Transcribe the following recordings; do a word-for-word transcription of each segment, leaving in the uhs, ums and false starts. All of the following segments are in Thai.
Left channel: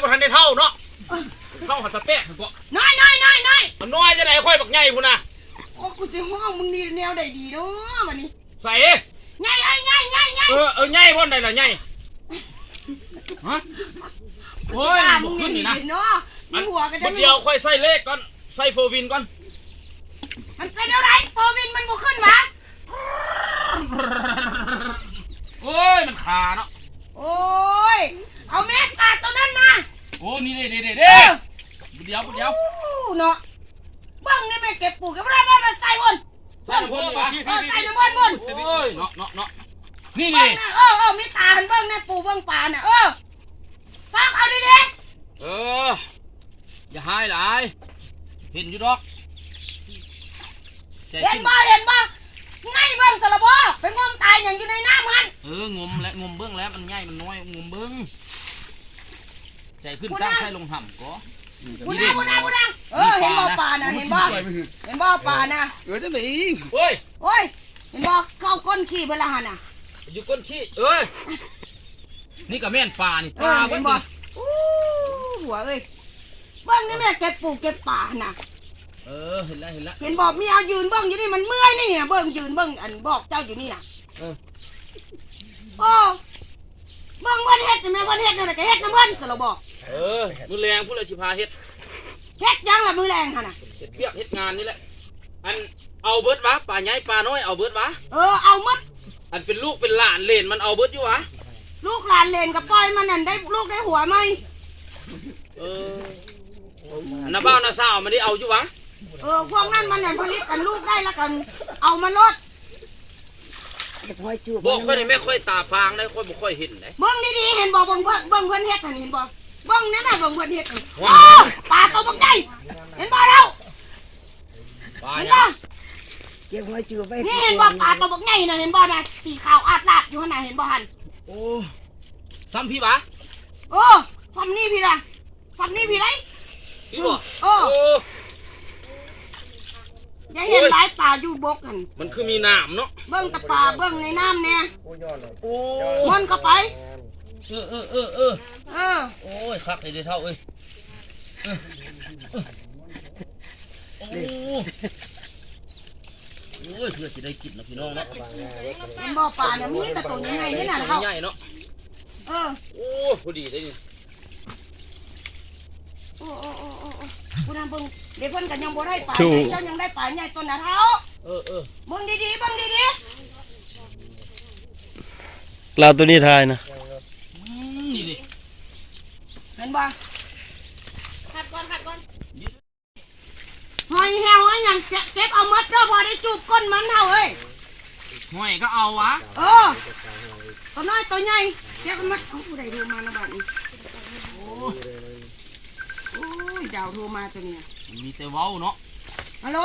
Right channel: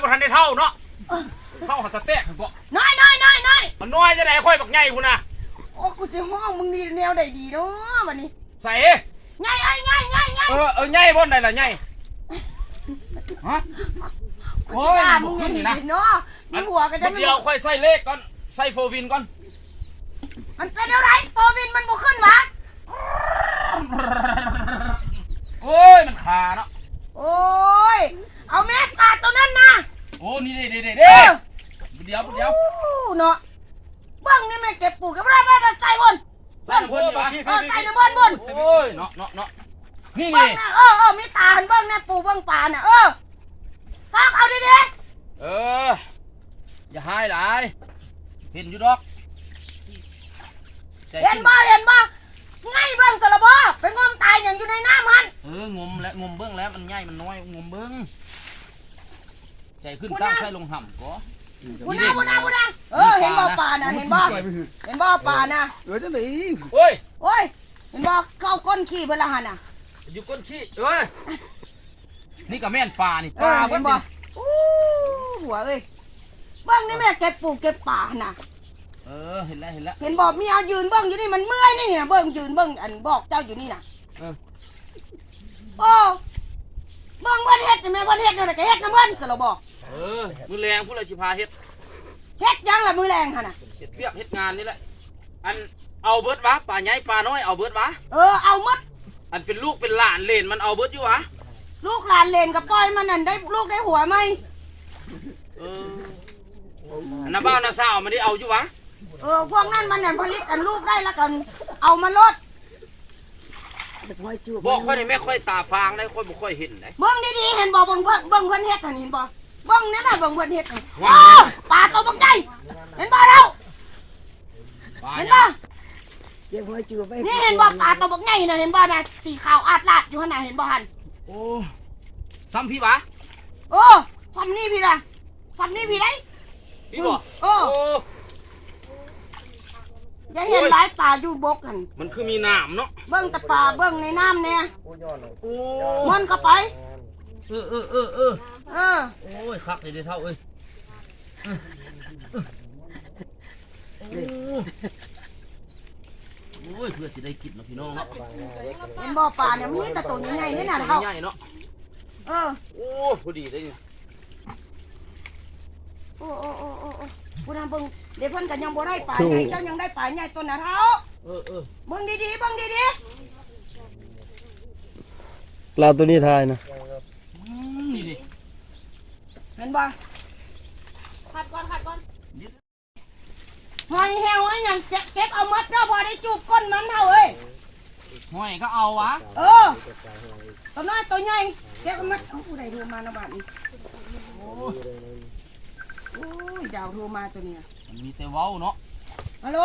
ทันได้เท่าเนาะเท่าหัดสเต็กบ่น้อยน้อยน้อยน้อยมันน้อยจะได้ค่อยบักใหญ่พุ่นน่ะโอ้กูจะห้องมึงนี่แนวใดดีเนาะวันนี้ใส่ใหญ่ไอ้ใหญ่ใหญ่ใหญ่เออเออใหญ่บ่ได้ล่ะใหญ่ฮะโอ้ยมึงนี่นะเนาะมีหัวก็จะเดียวค่อยใส่เลขก่อนใส่โฟวินก่อนมันเป็นอะไรโฟวินมันบ่ขึ้นวะโอ้ยมันขาเนาะโอ้ยเอาแม่ปลาตัวนั้นมาโอ้นี่เด้เด้เด้เดี๋ยวเดี๋ยวเนาะบ้างนี่แม่เก็บปูกับอะไรบ้างใส่บนใส่บนเออใส่ในบนบนโอ้ยเนาะเนาะเนาะนี่นี่เออเออมีตาหันเบิ้งเนี่ยปูเบิ้งปลาเนี่ยเออฟังเอาดีดีเอออย่าหายหลายเห็นอยู่ดอกเห็นบ่เห็นบ่ง่ายเบิ้งสารบ่ไปงมตายอย่างอยู่ในน้ำมันเอองมและงมเบิ้งแล้วมันง่ายมันน้อยงมเบิ้งใจขึ้นตั้งใช้ลงห่ำก็บุญนะบุญนะบุญนะเออเห็นบ่ปลาน่ะเห็นบ่เห็นบ่ปลาน่ะเออจังไหนโอ้ยโอ้ยเห็นบ่เข้าก้นขี้เวลาหันน่ะอยู่ก้นขี้เอ้ยนี่กับแม่นปลานี่ปลาเห็นบ่อู้หัวเอ้ยเบิ้งนี่แม่เก็บปูเก็บปลาน่ะเออเห็นแล้วเห็นแล้วเห็นบอกมีเอายืนเบิ้งอยู่นี่มันเมื่อยนี่นี่นะเบิ้งยืนเบิ้งอันบอกเจ้าอยู่นี่น่ะโอ้เบิ้งวันเฮ็ดแม่วันเฮ็ดนั่นแหละก็เฮ็ดน้ำมันสระบอกเออมือแรงผู้เลยสิพาเฮ็ดเฮ็ดยังล่ะมือแรงฮะน่ะเฮ็ดเรียกเฮ็ดงานนี่แหละอันเอาเบิร์ดวะปลาใหญ่ปลาน้อยเอาเบิร์ดวะเออเอามัดอันเป็นลูกเป็นหลานเลนมันเอาเบิร์ดอยู่วะลูกหลานเลนกับปล่อยมันนั่นได้ลูกได้หัวไหมเออน้าบ้าน้าสาวมันได้เอาอยู่วะเออพวกนั้นมันนั่นผลิตกันลูกได้แล้วกันเอามาลดบอกค่อยนี่ไม่ค่อยตาฟางได้ค่อยบ่ค่อยเห็นได้เบิ้งดีๆเห็นบ่เบิ้งเบิ้งเบิ้งเพิ่นเฮ็ดเห็นบ่เบิ้งเนี่ยมาเบิ้งเพิ่นเฮ็ดว้าปลาตัวบักใหญ่เห็นบ่เราเห็นบ่นี่เห็นบ่ปลาตัวบักใหญ่น่ะเห็นบ่น่ะสีขาวอาดลาดอยู่ข้างในเห็นบ่หันโอ้ซ้ำพี่วะโอ้ซ้ำนี่พี่ล่ะซ้ำนี่พี่ไรพี่บ่โอ้อย่าเห็นหลายปลาอยู่บกกันมันคือมีน้ำเนาะเบิ้งแต่ปลาเบิ้งในน้ำเนี่ยมันเข้าไปเออเออเออเออเออโอ้ยคักเลยเท่าเอ้ยโอ้ยเพื่อสิได้กินนะพี่น้องเนาะเห็นบ่อปลาเนี่ยมีแต่ตัวใหญ่ๆนี่น่ะเท่าใหญ่เนาะเออโอ้พอดีได้ยินโอ้โอ้โอ้โอ้โอ้ผู้นั้นเบิ่งเดี๋ยวเพิ่นกันยังบ่ได้ปลาเจ้ายังได้ปลาใหญ่ตัวน่ะเท่าเออเออเบิ่งดีๆเบิ่งดีๆเราตัวนี้ทายนะนี่ดิเห็นบ่ขัดก่อนขัดก่อนหอยแหวอย่างเก็บเอามัดเด้อพอได้จูบก้นมันเท่าเอ้ยหอยก็เอาวะเออตัวน้อยตัวใหญ่เก็บเอามัดเอาผู้ใดโทรมานะบ้านนี้โอ้โอ้ยดาวโทรมาตัวนี้มันมีแต่เว้าเนาะฮัลโหล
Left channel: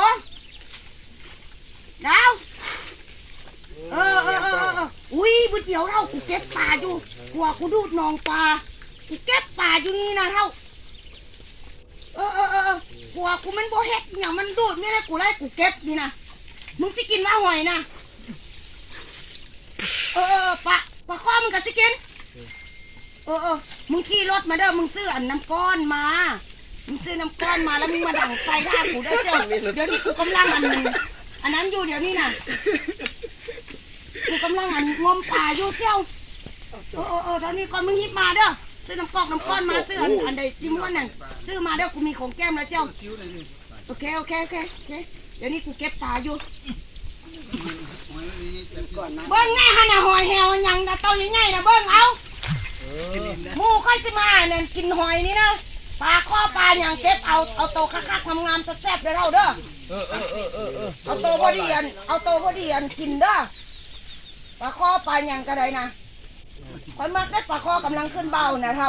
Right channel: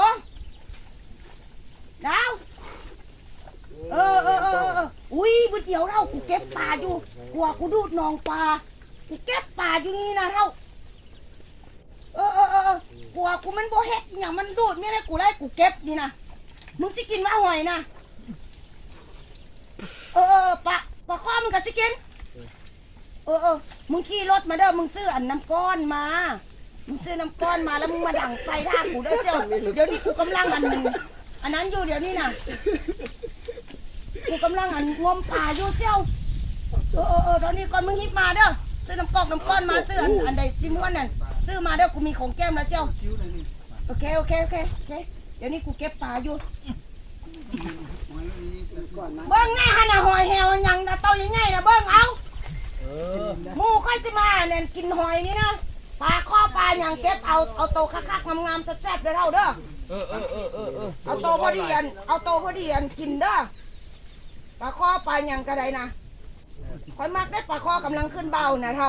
ดาวเออเออเออเอออุ้ยบุญเดียวเท่ากูเก็บปลาอยู่กลัวกูดูดนองปลากูเก็บปลาอยู่นี่นะเท่าเออเออเออกลัวกูมันโบเฮ็ดอย่างมันดูดไม่ได้กูไล่กูเก็บนี่นะมึงจะกินว่าหอยนะเออเออปลาปลาข้อมึงก็จะกินเออเออมึงขี่รถมาเด้อมึงซื้ออันน้ำก้อนมามึงซื้อน้ำก้อนมาแล้วมึงมาดั่งไฟท่ากูได้เจ้าเดี๋ยวนี้กูกำลังอันอันนั้นอยู่เดี๋ยวนี้นะกูกำลังอันงมป่าอยู่เจ้าเออเออเออตอนนี้ก่อนมึงฮิปมาเด้อซื้อน้ำกอกน้ำก้อนมาซื้ออันอันใดจิ้มก้อนนั่นซื้อมาเด้อกูมีของแก้มแล้วเจ้าโอเคโอเคโอเคโอเคเดี๋ยวนี้กูเก็บป่าอยู่เบิ้งแน่ฮะน่ะหอยแหวยังนะโตใหญ่ๆนะเบิ้งเอาหมูค่อยจะมาเนี่ยกินหอยนี่นะปลาข้อปลาอย่างเก็บเอาเอาโตคักๆงามๆแซ่บๆได้เท่าเด้อเออเออเออเออเออเอาโตพอดีอันเอาโตพอดีอันกินเด้อปลาข้อปลาอย่างกระไดนะคนมักได้ปลาข้อกำลังขึ้นเบานะเท่า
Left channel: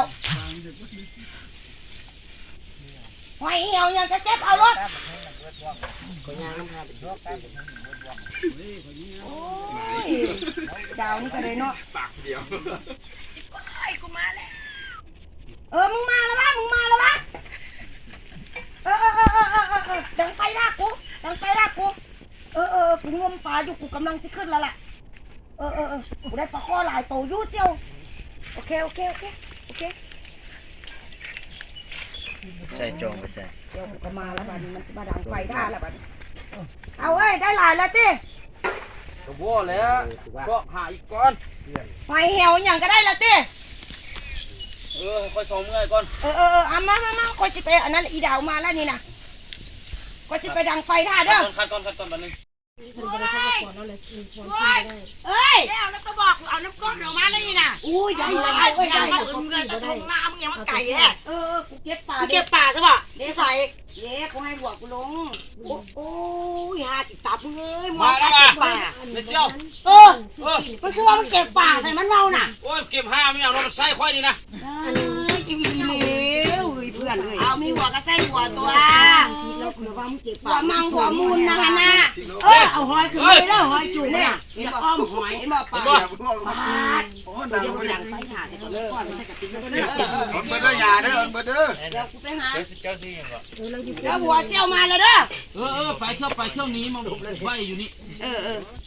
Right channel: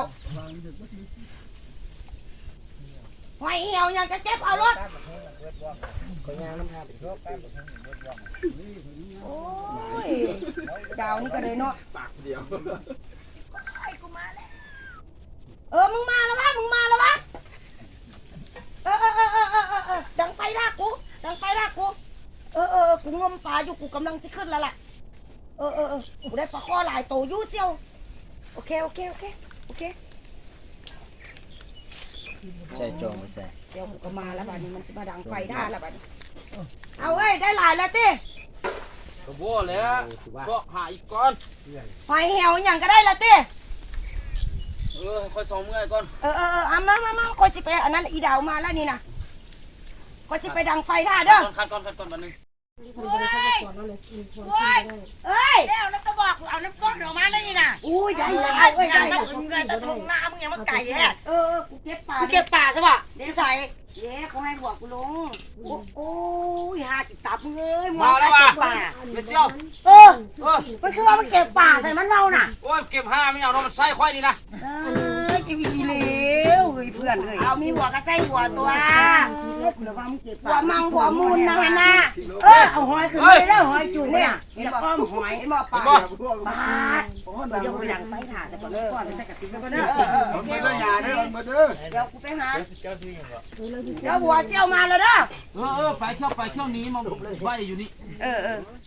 หอยเหี่ยวอย่างจะเก็บเอารถโอ้ยดาวนี่ก็เลยเนาะปากเดียวเออมึงมาแล้ววะมึงมาแล้ววะเออเออเออเออเออเออดังไฟลากกูดังไฟลากกูเออเออกูงมปลาอยู่กูกำลังจะขึ้นแล้วล่ะเออเออเออกูได้ปลาข้อหลายโตยู่เจียวโอเคโอเคโอเคโอเคใส่จองไปใส่เดี๋ยวกูก็มาแล้วบัดนี้มันจะมาดังไฟได้แล้วบัดนี้เอาเอ้ยได้หลายแล้วติก็บ่แล้วก็หาอีกก่อนไฟเหี่ยวอย่างก็ได้แล้วติเออค่อยสองเมื่อยก่อนเออเออเออเอามามามาก็จะไปอันนั้นอีดาวมาแล้วนี่นะก็จะไปดังไฟท่าเด้อคัดก่อนคัดก่อนบัดนึงเอ้ยแล้วแล้วก็บอกเอาน้ำก้อนออกมาได้นี่นะอุ้ยได้ได้เอ้ยได้เอาอื่นเลยแต่ถุงน้ำมึงยังมาไก่แฮะเออเออกูเก็บปลามึงเก็บป่าใช่ป่ะเดี๋ยวใส่เดี๋ยวกูให้บวกกูลงโอ้ยหาติดตับมึงเอ้ยมึงมาแล้วเก็ว่ะบป่าไม่เชี่ยวเออเออมันคือว่ามึงเก็บป่าใส่มันเมาน่ะโอ้ยเก็บห้าไม่เอาเนาะมันใส่ค่อยนี่นะเอ้ยกินดีแล้วเฮ้ยเพื่อนเอ้ยเอามีหัวกระไส้หัวตัวแล้วเผื่อว่ามึงเก็บหัวป่ามังหัวมูลนะฮะน่ะเออเอาหอยขึ้นไปแล้วหอยจุ่มเนี่เนี่ย ยเห็นจะบ่อ้อมหอยเห็นบ่ปลาบ่ปาดเดี๋ยวไปดังไฟถ่านแล้วก็ก้อนใส่กระติกแล้วก็เด้อเออเออผมเบอร์เด้อยาเด้อเบอร์เด้อเดี๋ยวกูไปหาเดี๋ยวหัวเจียวมาแล้วเด้อเออเออไปเที่ยวไปเที่ยวนี้มาไว้อยู่นี่เออเออ